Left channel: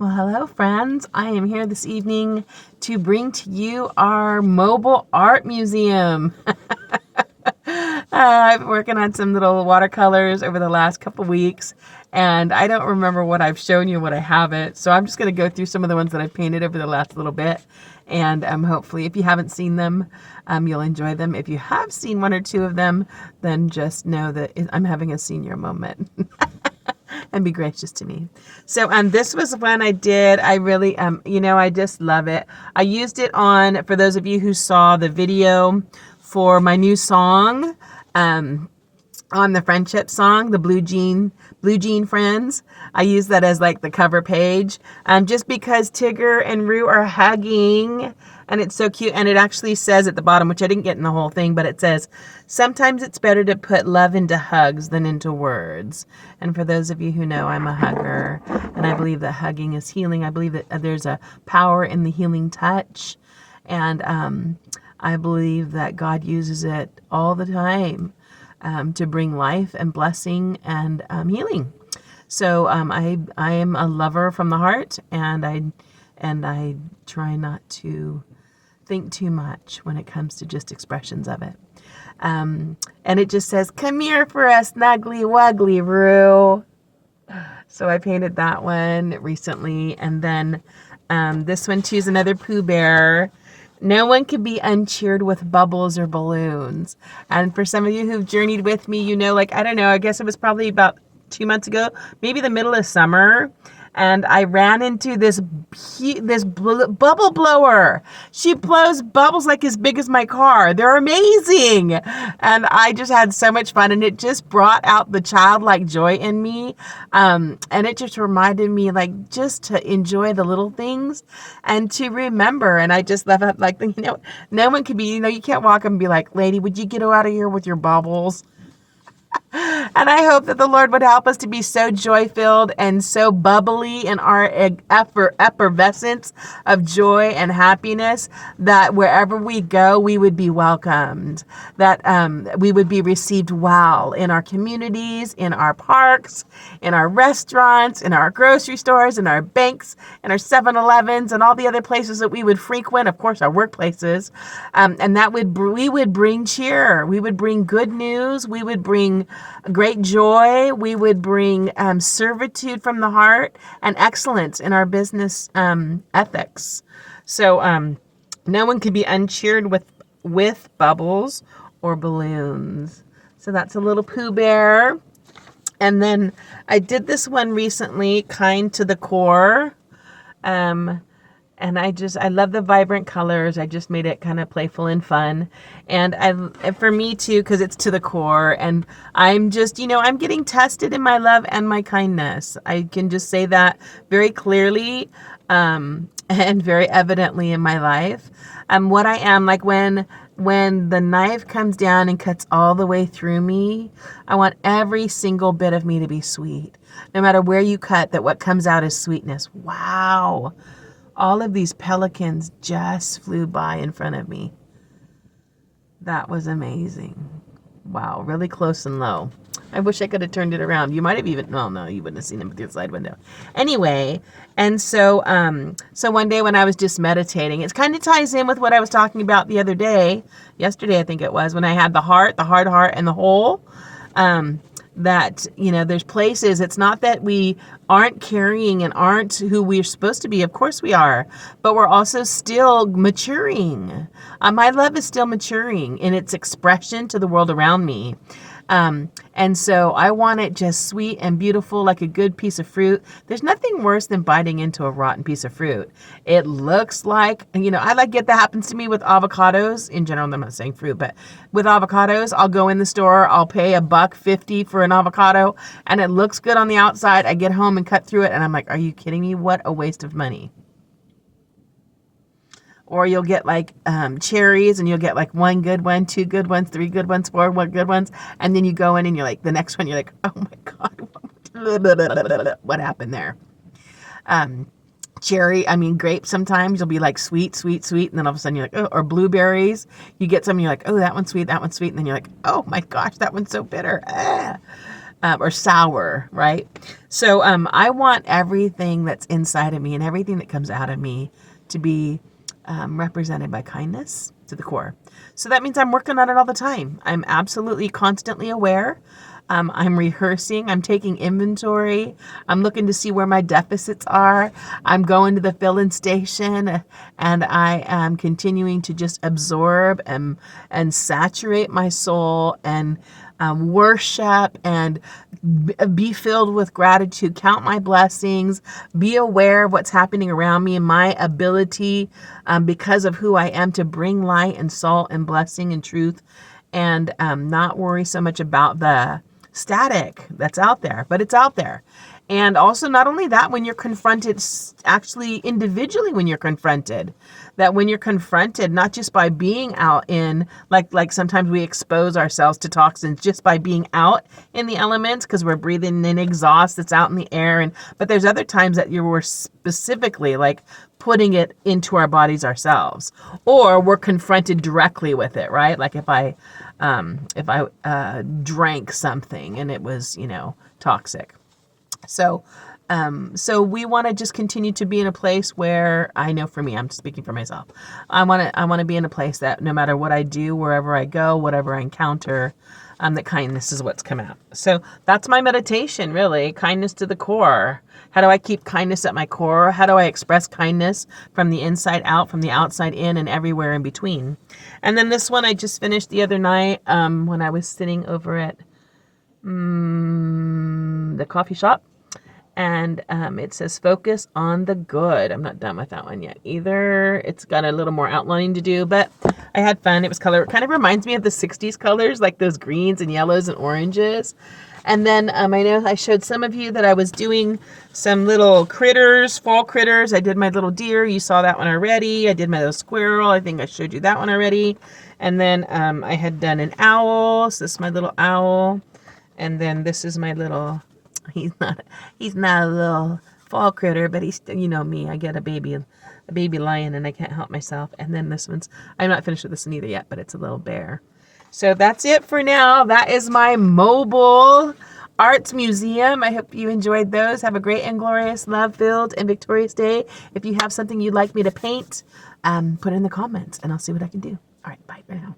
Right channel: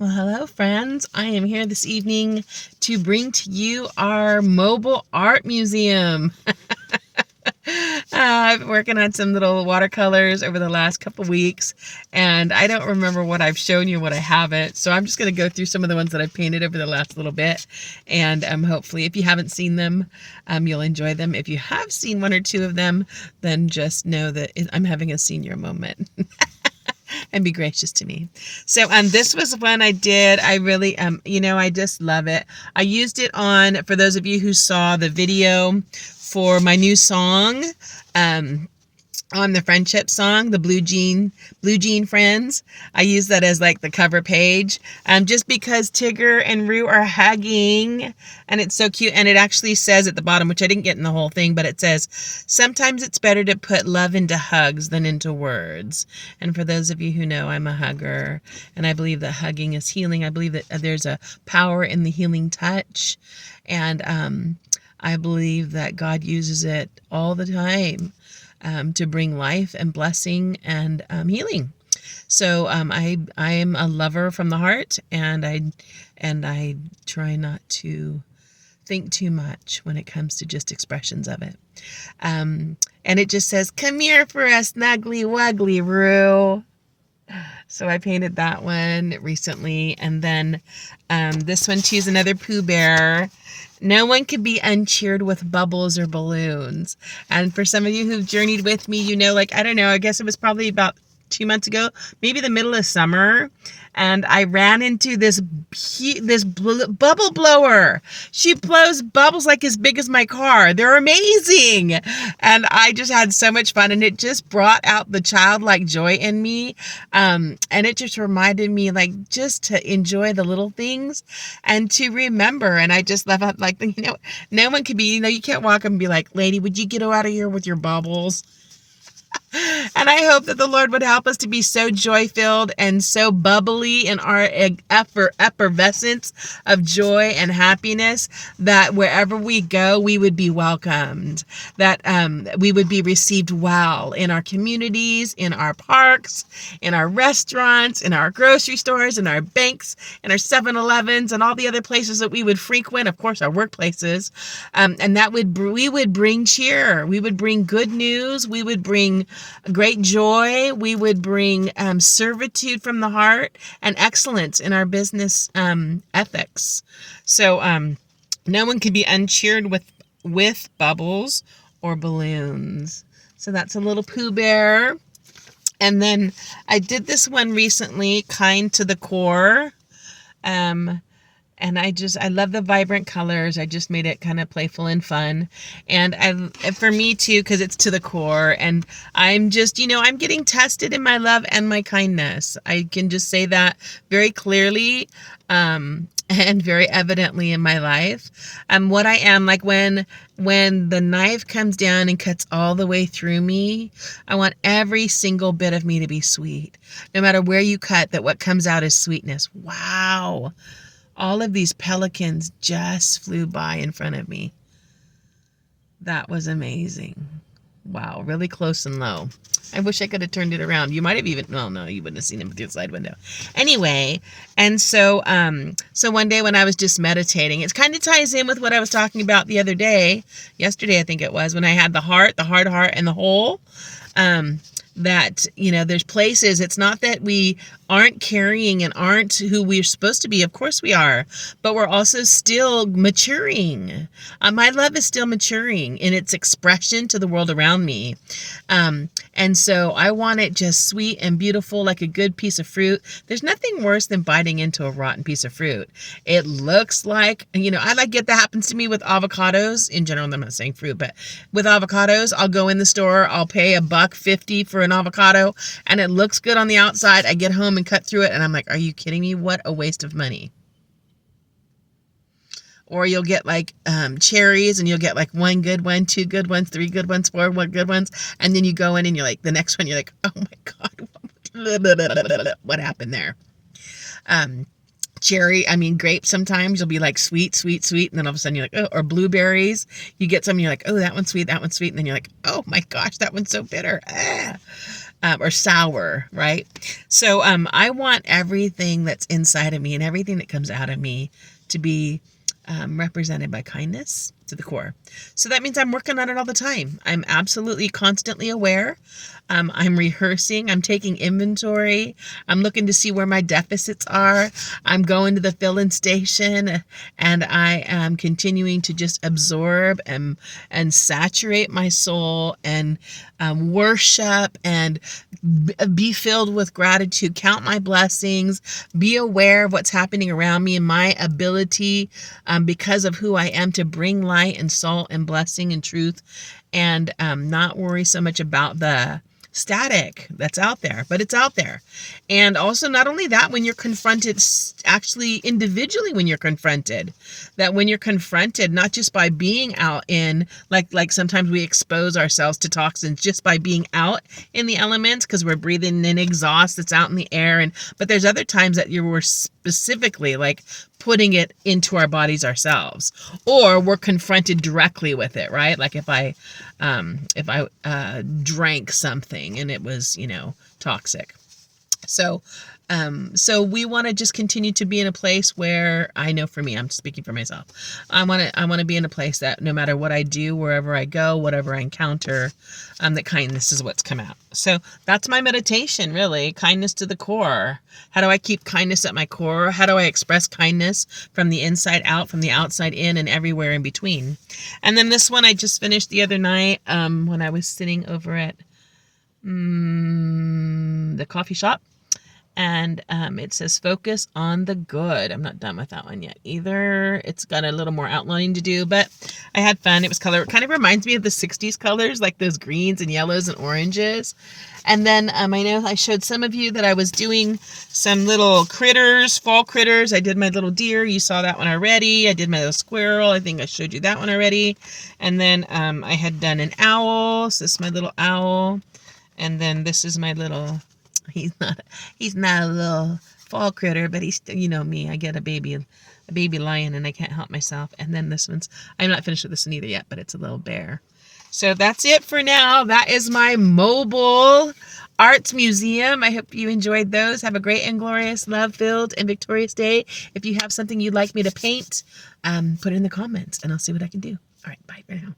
Well, hello, friends. I am here this evening to bring to you our mobile art museum. I've been working on some little watercolors over the last couple weeks, and I don't remember what I've shown you, what I haven't. So I'm just going to go through some of the ones that I've painted over the last little bit, and hopefully, if you haven't seen them, you'll enjoy them. If you have seen one or two of them, then just know that I'm having a senior moment. And be gracious to me. So this was one I did. I really I just love it. I used it on, for those of you who saw the video for my new song, on the friendship song, the Blue Jean Friends. I use that as like the cover page, just because Tigger and Rue are hugging, and it's so cute. And it actually says at the bottom, which I didn't get in the whole thing, but it says, sometimes it's better to put love into hugs than into words. And for those of you who know, I'm a hugger, and I believe that hugging is healing. I believe that there's a power in the healing touch, and I believe that God uses it all the time. To bring life and blessing and healing. So I am a lover from the heart, and I try not to think too much when it comes to just expressions of it. And it just says, "Come here for a snuggly wuggly, Rue." So I painted that one recently, and then this one too is another Pooh Bear. No one could be uncheered with bubbles or balloons. And for some of you who've journeyed with me, you know, like, I don't know, I guess it was probably about 2 months ago, maybe the middle of summer, and I ran into this bubble blower. She blows bubbles like as big as my car. They're amazing. And I just had so much fun, and it just brought out the childlike joy in me. And it just reminded me, like, just to enjoy the little things and to remember. And I just love it. Like, you know, no one could be, you can't walk up and be like, "Lady, would you get out of here with your bubbles?" And I hope that the Lord would help us to be so joy-filled and so bubbly in our effervescence of joy and happiness that wherever we go, we would be welcomed, that we would be received well in our communities, in our parks, in our restaurants, in our grocery stores, in our banks, in our 7-Elevens, and all the other places that we would frequent, of course, our workplaces, and that we would bring cheer, we would bring good news, we would bring great joy, we would bring servitude from the heart and excellence in our business ethics. So no one can be uncheered with bubbles or balloons. So that's a little Pooh Bear. And then I did this one recently, Kind to the Core. And I love the vibrant colors. I just made it kind of playful and fun. And for me too, because it's to the core. And I'm just, I'm getting tested in my love and my kindness. I can just say that very clearly and very evidently in my life. What I am, like when the knife comes down and cuts all the way through me, I want every single bit of me to be sweet. No matter where you cut, that what comes out is sweetness. Wow. All of these pelicans just flew by in front of me. That was amazing. Wow, really close and low. I wish I could have turned it around. You might have even, no, you wouldn't have seen him through the side window. Anyway, and so one day when I was just meditating, it kind of ties in with what I was talking about the other day, yesterday I think it was, when I had the hard heart, and the whole. That, there's places, it's not that we aren't carrying and aren't who we're supposed to be. Of course we are, but we're also still maturing. My love is still maturing in its expression to the world around me. And so I want it just sweet and beautiful, like a good piece of fruit. There's nothing worse than biting into a rotten piece of fruit. It looks like, I like it. That happens to me with avocados in general. I'm not saying fruit, but with avocados, I'll go in the store, I'll pay $1.50 for an avocado, and it looks good on the outside. I get home and cut through it, and I'm like, are you kidding me? What a waste of money. Or you'll get like cherries, and you'll get like 1 good one, 2 good ones, 3 good ones, 4 good ones. And then you go in and you're like, the next one, you're like, oh my God, what happened there? Grapes, sometimes you'll be like sweet. And then all of a sudden you're like, oh, or blueberries. You get some, and you're like, oh, that one's sweet. And then you're like, oh my gosh, that one's so bitter. or sour, right? So I want everything that's inside of me and everything that comes out of me to be represented by kindness to the core. So that means I'm working on it all the time. I'm absolutely constantly aware. I'm rehearsing. I'm taking inventory. I'm looking to see where my deficits are. I'm going to the fill-in station, and I am continuing to just absorb and saturate my soul and worship and be filled with gratitude, count my blessings, be aware of what's happening around me and my ability because of who I am to bring light and salt and blessing and truth, and not worry so much about the static that's out there, but it's out there. And also, not only that, when you're confronted, actually individually, when you're confronted, that when you're confronted, not just by being out in, like sometimes we expose ourselves to toxins just by being out in the elements because we're breathing in exhaust that's out in the air, but there's other times that we're specifically like putting it into our bodies ourselves, or we're confronted directly with it, right? Like if I drank something and it was, toxic. So we want to just continue to be in a place where, I know for me, I'm speaking for myself, I want to be in a place that no matter what I do, wherever I go, whatever I encounter, that kindness is what's come out. So that's my meditation, really. Kindness to the core. How do I keep kindness at my core? How do I express kindness from the inside out, from the outside in, and everywhere in between? And then this one I just finished the other night when I was sitting over at the coffee shop. And it says focus on the good. I'm not done with that one yet either. It's got a little more outlining to do, but I had fun. It was color. It kind of reminds me of the 60s colors, like those greens and yellows and oranges. And then I know I showed some of you that I was doing some little critters, fall critters. I did my little deer. You saw that one already. I did my little squirrel. I think I showed you that one already. And then I had done an owl. So this is my little owl. And then this is my little... He's not a little fall critter, but he's still, me. I get a baby lion and I can't help myself. And then this one's, I'm not finished with this one either yet, but it's a little bear. So that's it for now. That is my mobile arts museum. I hope you enjoyed those. Have a great and glorious, love-filled, and victorious day. If you have something you'd like me to paint, put it in the comments and I'll see what I can do. All right, bye for now.